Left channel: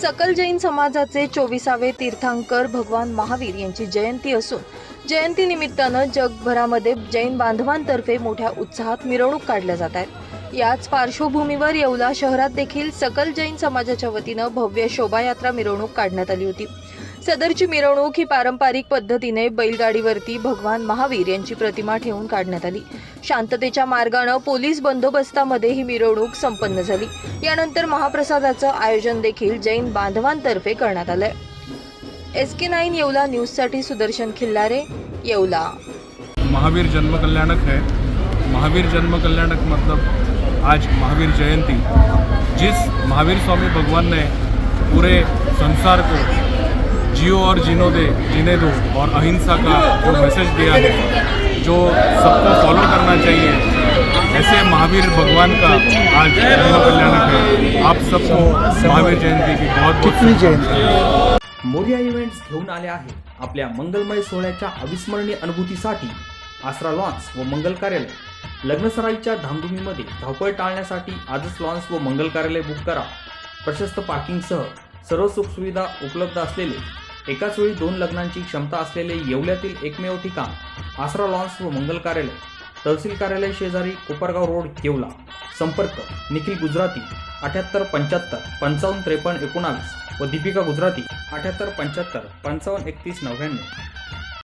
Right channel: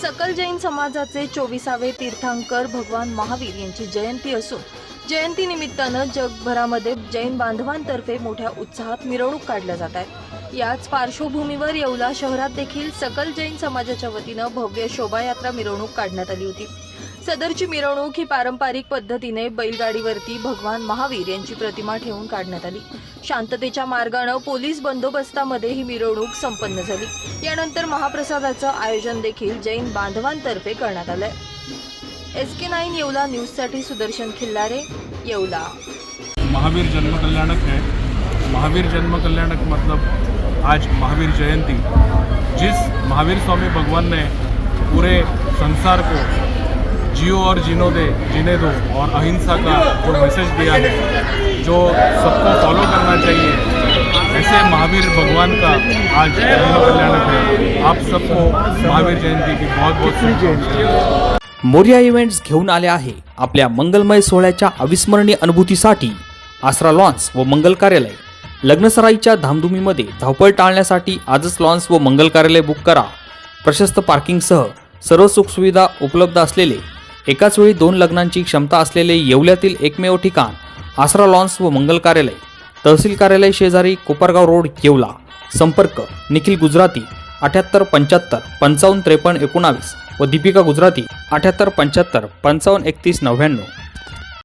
सकल जैन समाजाचे चोवीसावे तीर्थांकर भगवान महावीर यांची जयंती असून जयंतीनिमित्तानं जगभरामध्ये जैन बांधवांतर्फे मोठ्या उत्साहात मिरवणूक काढल्या जात आहेत. याच पार्श्वभूमीवर येवला शहरात देखील सकल जैन समाजाच्या वतीनं भव्य शोभायात्रा मिरवणूक काढण्यात आली होती. सदरची मिरवणूक ही पारंपरिक पद्धतीने बैलगाडीवरती भगवान महावीर यांची प्रतिमा ठेवून काढण्यात आली. शांततेच्या मार्गानं पोलीस बंदोबस्तामध्ये ही मिरवणूक संपन्न झाली. यानंतर महाप्रसादाचं आयोजन देखील जैन बांधवांतर्फे करण्यात आलंय. एस के नाईन येवला न्यूजसाठी सुदर्शन खिल्लारे येवला. महावीर जन्म कल्याणक है. महावीर जन्म कल्याणक मतलब आज महावीर जयंती. जिस महावीर स्वामी भगवान ने पूरे संसार को जियो और जीनो दे जीने दो और अहिंसा का जो मैसेज दिया है जो सबको फॉलो करना चाहिए ऐसे महावीर भगवान का आज जन्म कल्याणक है। आप सबको महावीर जयंती की बहुत बहुत शुभकामनाएं। मोर्या इव्हेंट्स घेऊन आले आहे आपल्या मंगलमय सोहळ्याच्या अविस्मरणीय अनुभूतीसाठी आसरा लॉन्स व मंगल कार्यालय. लग्नसराईच्या धामधुमीमध्ये धावपळ टाळण्यासाठी आजच लॉन्स व मंगल कार्यालय बुक करा. प्रशस्त पार्किंगसह सर्व सुखसुविधा उपलब्ध असलेले एकाच वेळी दोन लग्नांची क्षमता असलेले येवल्यातील एकमेव ठिकाण आसरा लॉन्स व मंगल कार्यालय. तहसील कार्यालय शेजारी कोपरगाव रोड येवला. संपर्क निखिल गुजराती अठ्याहत्तर पंच्याहत्तर पंचावन्न त्रेपन्न एकोणावीस व दीपिका गुजराती अठ्याहत्तर पंच्याहत्तर पंचावन्न एकतीस नव्याण्णव.